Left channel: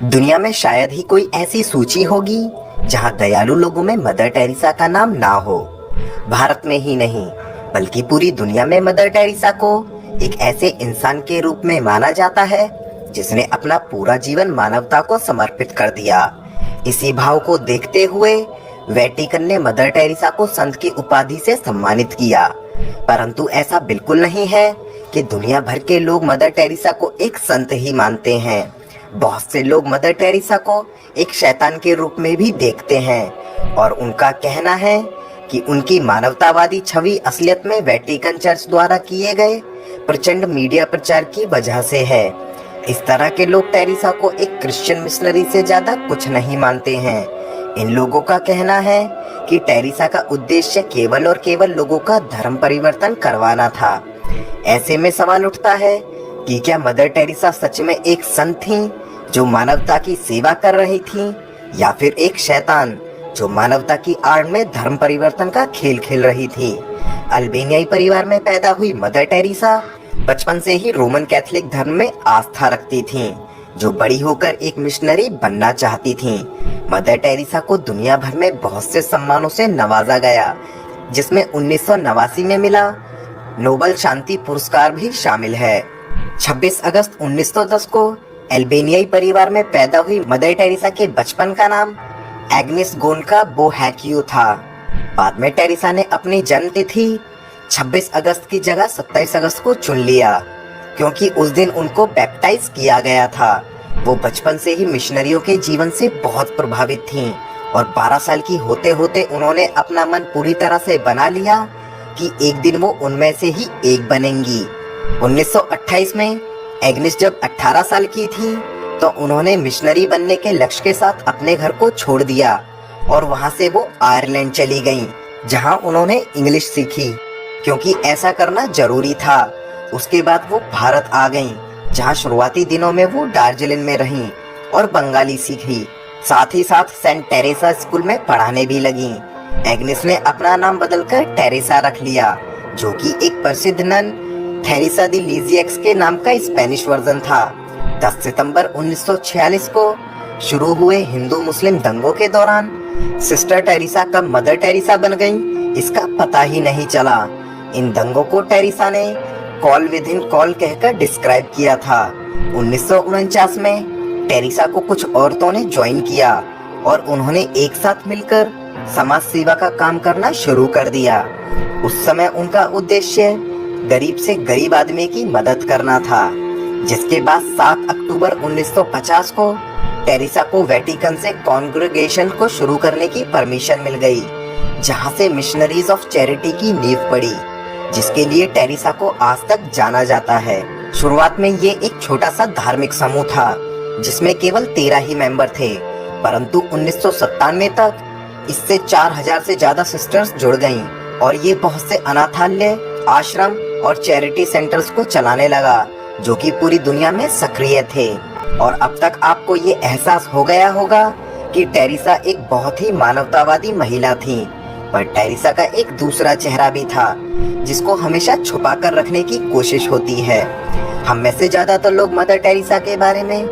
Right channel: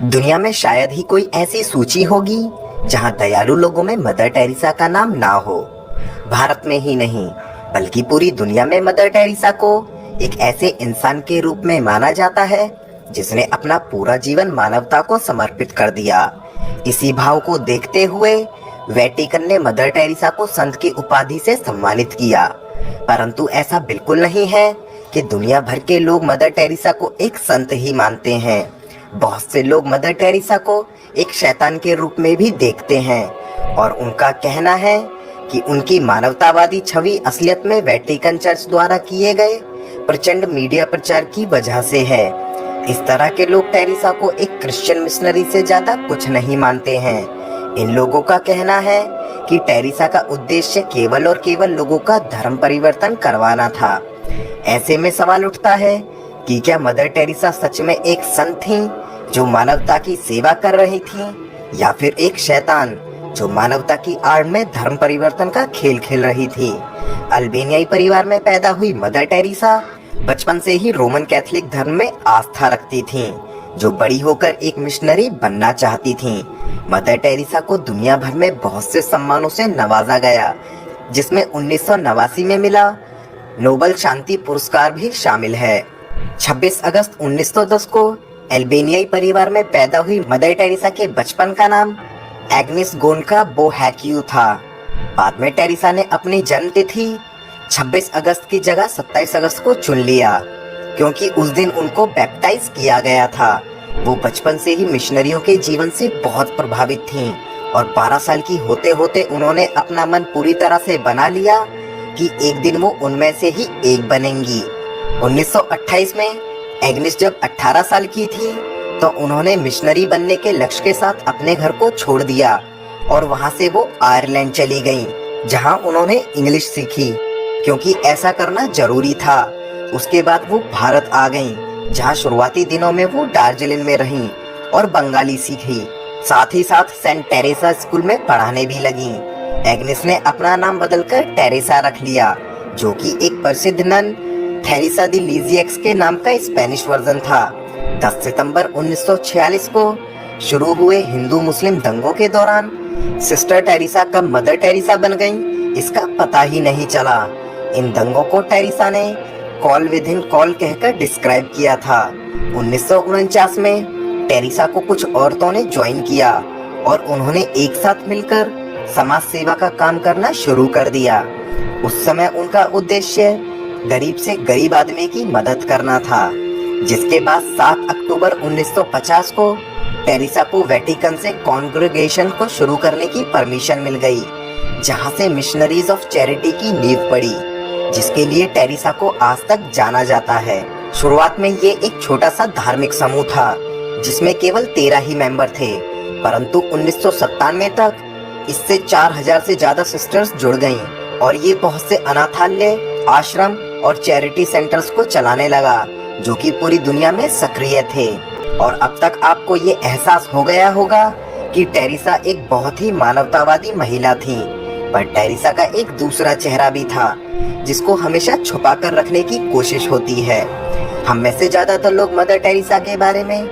दुनिया में शायद ही कोई ऐसी सूची होगी जहां दयालु लोगों में मदर टेरेसा का नाम ना हो। भारत में ही नहीं बल्कि पूरी दुनिया में मदर टेरेसा को एक ऐसे इंसान के रूप में माना जाता है जिसने अपना पूरा जीवन मानवता को समर्पित कर दिया। इसी भाव को देखते हुए वेटिकन ने मदर टेरेसा को संत की उपाधि से सम्मानित किया। परंतु ऐसा बिल्कुल नहीं है कि दुनिया भर के लोग मदर टेरेसा को एक संत ही मानते हैं। बहुत से लोग मदर टेरेसा को एक शैतान के रूप में भी देखते हैं और उनका कहना है कि उनकी मानवतावादी छवि असलियत में वेटिकन चर्च द्वारा किए गए प्रचंड मीडिया प्रचार की वजह से है। इस तरह के लोग टेरेसा को एक क्रिश्चियन मिशनरी से ज्यादा कुछ नहीं मानते हैं। इन लोगों का कहना है कि टेरेसा का उद्देश्य केवल और केवल लोगों का धर्म परिवर्तन करवाना था। ऐसे में सवाल उठता है कि क्या मदर टेरेसा सच में एक संत थी जो मानवता की सेवा कर रही थी, या फिर एक शैतान जो मानवता की आड़ में धर्म परिवर्तन का खेल खेल रही थी। अल्बानियाई परिवार में पैदा हुई मदर टेरेसा बचपन से ही रोमन कैथोलिक धर्म में आस्था रखती थी, जो बड़ी होकर एक मिशनरी बनना चाहती थी। मदर टेरेसा को दुनिया भर में बहुत से सम्मानों से नवाजा गया, जिसमें 1989 में मिला नोबेल शांति पुरस्कार भी शामिल है। 26 अगस्त 1910 को अल्बानियाई परिवार में पैदा हुई मदर टेरेसा के बचपन का नाम एग्नेस गोन्का बोहैक्यू था। बाद में टेरेसा ने अपनी जन्म तिथि 26 अगस्त की जगह 27 अगस्त को चुन लिया, क्योंकि उस दिन उनको बैप्टाइज किया गया था। वो बचपन से ही मिशनरियों के जीवन से बहुत प्रभावित थीं और 12 साल की होते होते उन्होंने अपना मन पूरी तरह से बना लिया कि एक दिन वो उनमें से ही एक बनेंगी। 1928 में एग्नेस जब 18 साल की थी तो उन्होंने मिशनरी बनने के लक्ष्य के साथ अपने घर को छोड़ दिया और वहां से वो आयरलैंड चली गईं, जहां उन्होंने इंग्लिश सीखी, क्योंकि ऐसा करना जरूरी था। उसके बाद वो भारत आ गईं, जहां शुरुआती दिनों में वो दार्जिलिंग में रहीं और बंगाली सीखी। साथ ही साथ सेंट टेरेसा स्कूल में पढ़ाने भी लगीं। एग्नेस ने अपना नाम बदलकर टेरेसा रख लिया, जो कि एक प्रसिद्ध नन थेरेसा दी लिजिएक्स के नाम का स्पेनिश वर्जन था। 10 सितंबर 1946 को शुरू हुए हिंदू मुस्लिम दंगों के दौरान सिस्टर टेरेसा कब मदर टेरेसा बन गईं, इसका पता ही नहीं चला। इन दंगों को टेरेसा ने कॉल विद इन कॉल कहकर डिस्क्राइब किया था। 1949 में टेरेसा को कुछ औरतों ने ज्वाइन किया और उन्होंने एक साथ मिलकर समाज सेवा का काम करना शुरू कर दिया। उस समय उनका उद्देश्य गरीब से गरीब आदमी की मदद करना था, जिसके बाद 7 अक्टूबर 1950 को टेरेसा को वेटिकन से कांग्रेगेशन को शुरू करने की परमिशन मिल गई, जहां से मिशनरीज ऑफ चैरिटी की नींव पड़ी, जिसके लिए टेरेसा को आज तक जाना जाता है। शुरुआत में ये एक छोटा सा धार्मिक समूह था जिसमें केवल 13 ही मेंबर थे, परंतु 1997 तक इससे 4000 से ज्यादा सिस्टर्स जुड़ गयीं और ये बहुत से अनाथालय, आश्रम और चैरिटी सेंटर्स को चलाने लगा, जो कि पूरी दुनिया में सक्रिय थे। और अब तक आपको ये एहसास हो गया होगा कि टेरेसा एक बहुत ही मानवतावादी महिला थी, पर टेरेसा का एक दूसरा चेहरा भी था जिसको हमेशा छुपा कर रखने की कोशिश होती है। हम में से ज्यादातर लोग मदर टेरेसा के बारे में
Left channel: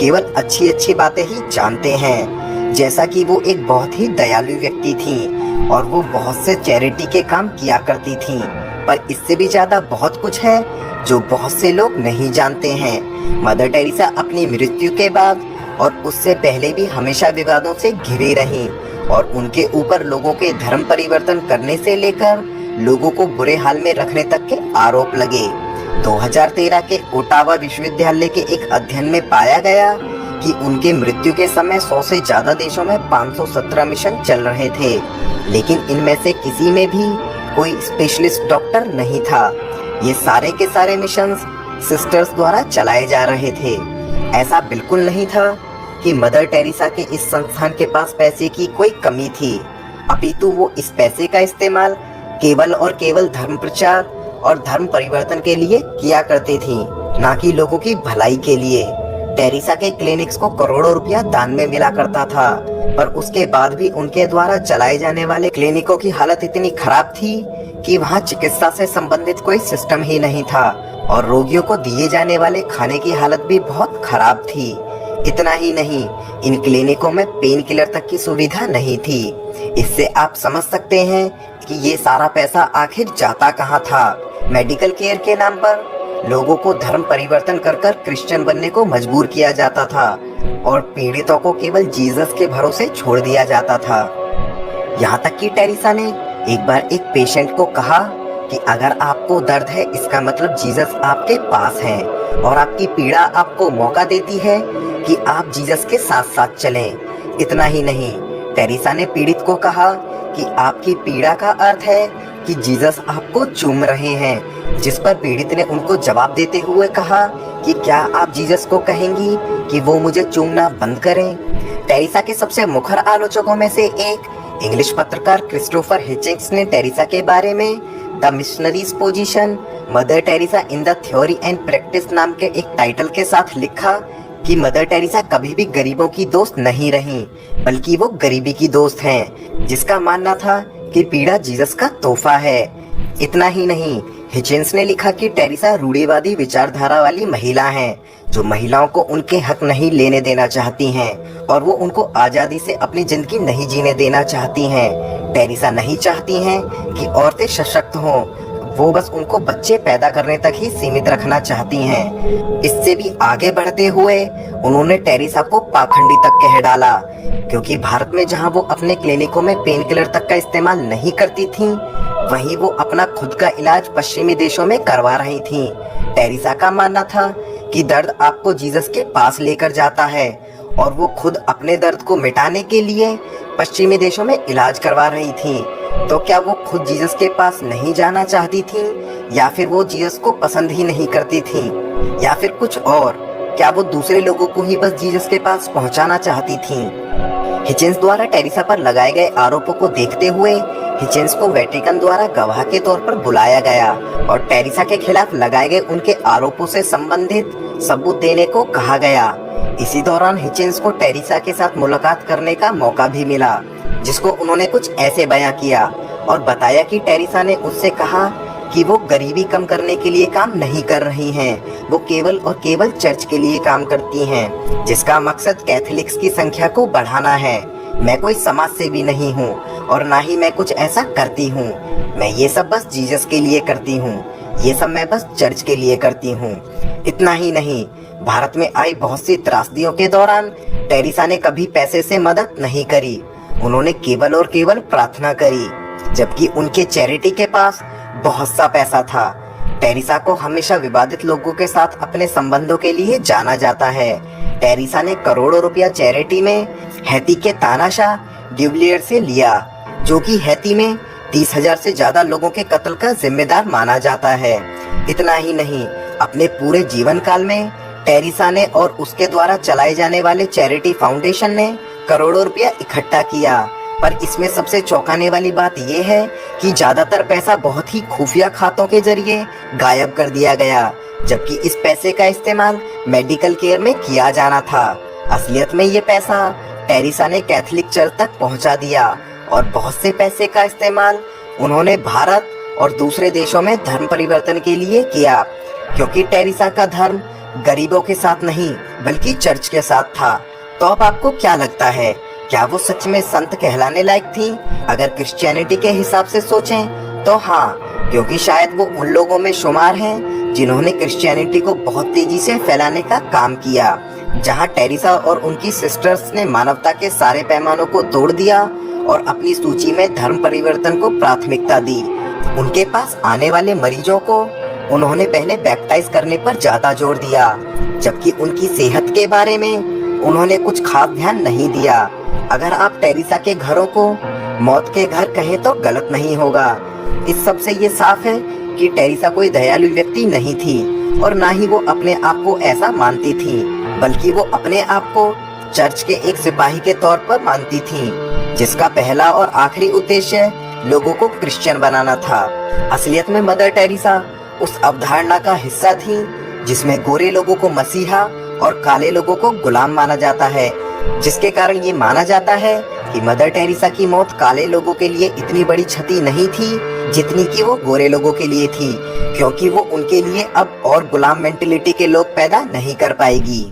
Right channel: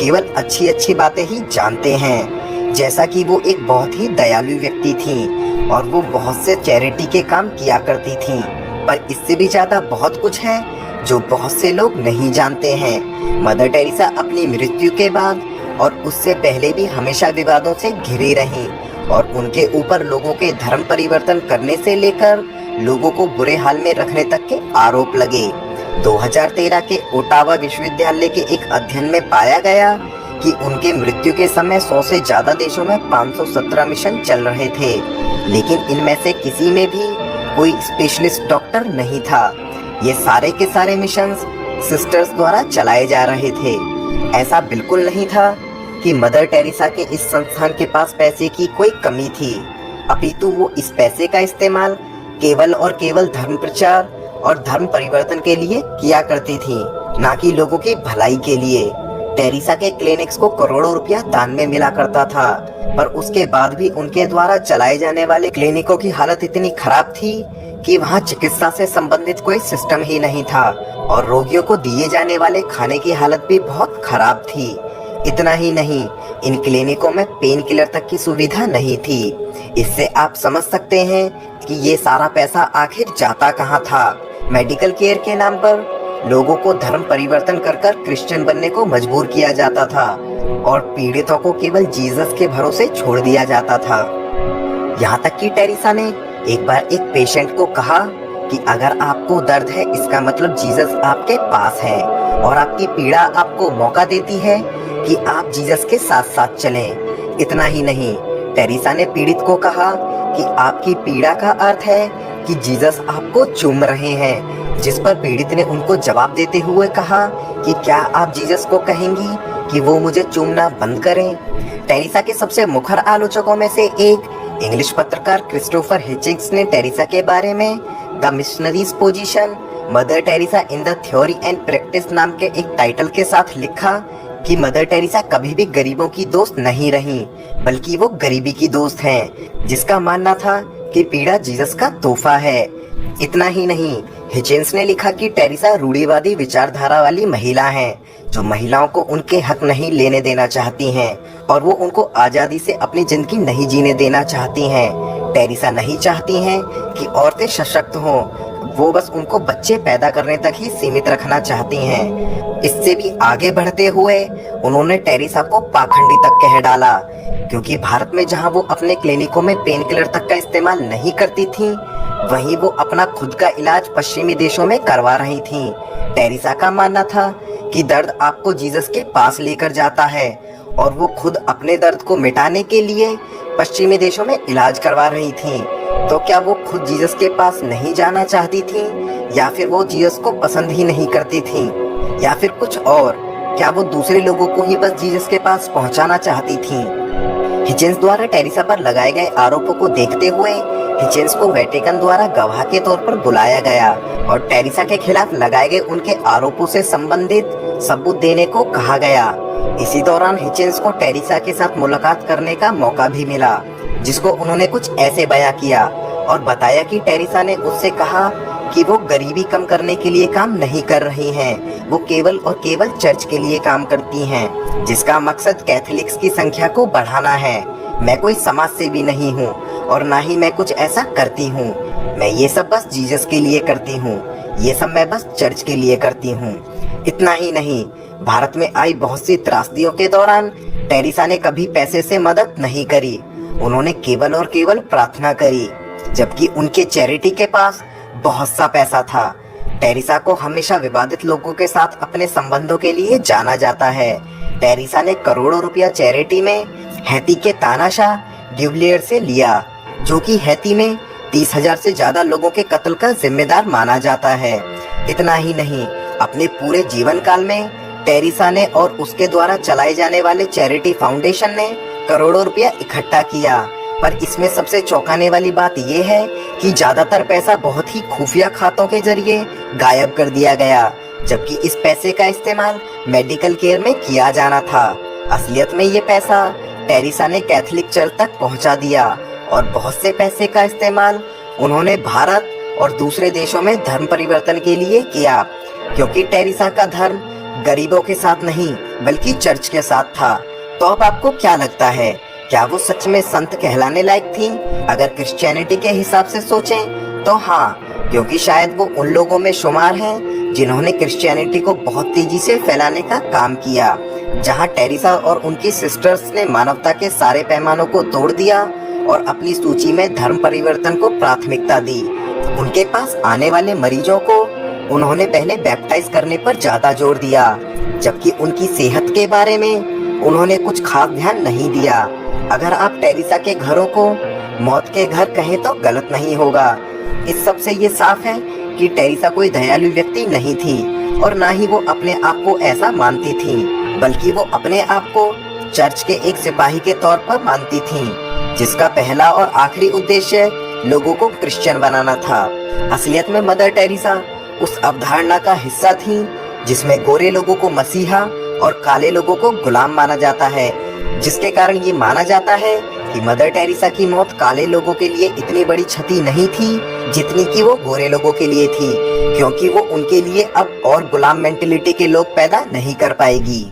केवल अच्छी अच्छी बातें ही जानते हैं, जैसा कि वो एक बहुत ही दयालु व्यक्ति थी और वो बहुत से चैरिटी के काम किया करती थी। पर इससे भी ज्यादा बहुत कुछ है जो बहुत से लोग नहीं जानते हैं। मदर टेरेसा अपनी मृत्यु के बाद और उससे पहले भी हमेशा विवादों से घिरी रही और उनके ऊपर लोगों के धर्म परिवर्तन करने से लेकर लोगों को बुरे हाल में रखने तक के आरोप लगे। 2013 के ओटावा विश्वविद्यालय के एक अध्ययन में पाया गया कि उनके मृत्यु के समय 100 से ज्यादा देशों में 517 मिशन चल रहे थे, लेकिन इनमें से किसी में भी कोई स्पेशलिस्ट डॉक्टर नहीं था। ये सारे के सारे मिशन सिस्टर्स द्वारा चलाए जा रहे थे। ऐसा बिल्कुल नहीं था कि मदर टेरेसा के इस संस्थान के पास पैसे की कोई कमी थी, अपितु वो इस पैसे का इस्तेमाल केवल और केवल धर्म प्रचार और धर्म परिवर्तन के लिए किया करती थी, ना कि लोगों की भलाई के लिए। टेरेसा के क्लिनिक्स को करोड़ों रुपया दान में मिला करता था, पर उसके बाद भी उनके द्वारा चलाए जाने वाले क्लिनिकों की हालत इतनी खराब थी कि वहाँ चिकित्सा से संबंधित कोई सिस्टम ही नहीं था और रोगियों को दिए जाने वाले खाने की हालत भी बहुत खराब थी। इतना ही नहीं, इन क्लिनिकों में पेन किलर तक की सुविधा नहीं थी। इससे आप समझ सकते हैं कि ये सारा पैसा आखिर जाता कहाँ था। मेडिकल केयर के नाम पर लोगों को धर्म परिवर्तन कर कर क्रिश्चियन बनने को मजबूर किया जाता था और पीड़ितों को केवल जीसस के भरोसे छोड़ दिया जाता था। यहाँ तक कि टेरेसा ने एक बार एक पेशेंट को कहा कि अगर आपको दर्द है इसका मतलब जीसस आपके पास है और आपकी पीड़ा आपको मौका देती है कि आप जीसस के साथ साथ चलें। इतना ही नहीं, टेरेसा ने पीड़ित को कहा कि आपकी पीड़ा का अर्थ है कि जीसस आपको चूम रहे हैं, जिस पर पीड़ित ने उनको जवाब देते हुए कहा कि क्या आप जीसस को कहेंगी कि वो मुझे चूमना बंद करें। टेरेसा के सबसे मुखर आलोचकों में से एक इंग्लिश पत्रकार क्रिस्टोफर हिचिंग्स ने टेरेसा के बारे में the missionaries position, mother Teresa in the theory and practice नाम के एक टाइटल के साथ लिखा कि मदर टेरेसा कभी भी गरीबों की दोस्त नहीं रही, बल्कि वो गरीबी की दोस्त हैं, जिसका मानना था कि पीड़ा जीसस का तोहफा है। इतना ही नहीं, हिचिंग्स ने लिखा कि टेरेसा रूढ़िवादी विचारधारा वाली महिला हैं, जो महिलाओं को उनके हक नहीं लेने देना चाहती हैं और वो उनको आजादी से अपनी जिंदगी नहीं जीने देना चाहती हैं। टेरेसा नहीं चाहती हैं कि औरतें सशक्त हों, वो बस उनको बच्चे पैदा करने तक ही सीमित रखना चाहती हैं। इससे भी आगे बढ़ते हुए उन्होंने टेरेसा को पाखंडी तक कह डाला, क्योंकि भारत में जहां वो अपने क्लिनिकों में पेन किलर तक का इस्तेमाल नहीं करती थी, वहीं वो अपना खुद का इलाज पश्चिमी देशों में करवा रही थी। टेरेसा का मानना था कि दर्द आपको जीसस के पास लेकर जाता है और वो खुद अपने दर्द को मिटाने के लिए पश्चिमी देशों में इलाज करवा रही थी। तो क्या वो खुद जीसस के पास नहीं जाना चाहती थी, या फिर वो जीसस को पसंद ही नहीं करती थी, या फिर कुछ और? क्या वो दूसरे लोगों को ही बस जीसस के पास पहुंचाना चाहती थी? हिचिंग्स द्वारा टेरेसा पर लगाए गए आरोपों को देखते हुए हिचिंग्स को वेटिकन द्वारा गवाह के तौर पर बुलाया गया और टेरेसा के खिलाफ लगाए गए उनके आरोपों से संबंधित सबूत देने को कहा गया। इसी दौरान हिचिंग्स को टेरेसा के साथ मुलाकात करने का मौका भी मिला, जिसको उन्होंने कुछ ऐसे बयां किया और बताया कि टेरेसा ने उससे कहा कि वो गरीबी कम करने के लिए काम नहीं कर रही हैं, वो केवल और केवल चर्च के लिए काम करती हैं, जिसका मकसद कैथोलिक्स की संख्या को बढ़ाना है। मैं कोई समाज सेवी नहीं हूँ और ना ही मैं कुछ ऐसा करती हूँ, मैं ये सब बस जीसस के लिए करती हूँ, ये सब मैं बस चर्च के लिए करती हूँ। इतना ही नहीं, भारत में आई बहुत सी त्रासदियों के दौरान टेरेसा ने कभी पैसे से मदद नहीं करी, उन्होंने केवल और केवल प्रार्थना करी, जबकि उनके चैरिटी के पास बहुत सा पैसा था। टेरेसा को हमेशा विवादित लोगों के साथ अपने संबंधों के लिए जाना जाता है। टेरेसा ने करोड़ों रुपया चैरिटी में हैती के तानाशाह ड्यूब्लियर से लिया, जो कि हैती में 30,000 से ज्यादा लोगों के कत्ल का जिम्मेदार माना जाता है। इतना ही नहीं, अपने पूरे जीवन काल में टेरेसा ने और उसके द्वारा चलाए जाने वाले चैरिटी फाउंडेशन ने करोड़ों रुपया इकट्ठा किया, पर इसमें सबसे चौंकाने वाली बात यह है कि ज्यादातर पैसा बहुत ही खुफिया खातों के जरिए गायब कर दिया गया, जबकि इस पैसे का इस्तेमाल मेडिकल केयर में किया जाना था। असलियत में ये पैसा टेरेसा ने कैथोलिक चर्च तक पहुंचा दिया और बहुत से पैसे का इस्तेमाल उन्होंने भारत और दूसरे देशों में धर्म परिवर्तन के लिए किया, क्योंकि टेरेसा का धर्म गरीबों के साथ नहीं बल्कि चर्च के साथ था। तो अब आपको क्या लगता है, क्या वो सच में संत कहलाने लायक थी? अगर क्रिश्चियनिटी के हिसाब से सोचें तो हाँ, क्योंकि शायद वो उन लोगों में शुमार है जिन्होंने क्रिश्चियनिटी को बहुत तेजी से फैलाने का काम किया। जहाँ टेरेसा और उनकी सिस्टर्स ने मानवता के सारे पैमानों को तोड़ दिया और अपनी सूची में धर्म परिवर्तन को प्राथमिकता दी। उनके पास आने वाले मरीजों को उन्होंने पहले बैप्टाइज करने पर ज्यादा जोर दिया, जबकि उनकी सेहत के बारे में उन्होंने कुछ खास ध्यान नहीं दिया। अगर आप टेरेसा के घरों को मौत के घर कहें तो गलत नहीं होगा। इस सब से ये साफ है कि टेरेसा कोई दयालु व्यक्ति नहीं थी और ना ही वो अपने आप को ऐसा मानती थी, बल्कि वो अपने आप को चर्च के एक सिपाही के तौर पर मानती थी, जिसका पहला और आखिरी उद्देश्य लोगों को क्रिश्चियन बनाना था। असलियत में मदर टेरेसा उस अवधारणा का हिस्सा थी जिसमें गोरे लोगों को मसीहा और काले लोगों को गुलाम माना जाता है, जिसके कारण ये माना जाता है कि मदर टेरेसा की मौत काले लोगों के लिए इतनी बड़ी क्षति नहीं थी जितनी कि वो गोरे लोगों के लिए थी, क्योंकि वो उनके लिए अब और गुलाम मेंटेलिटी के लोग पैदा नहीं कर पाएगी।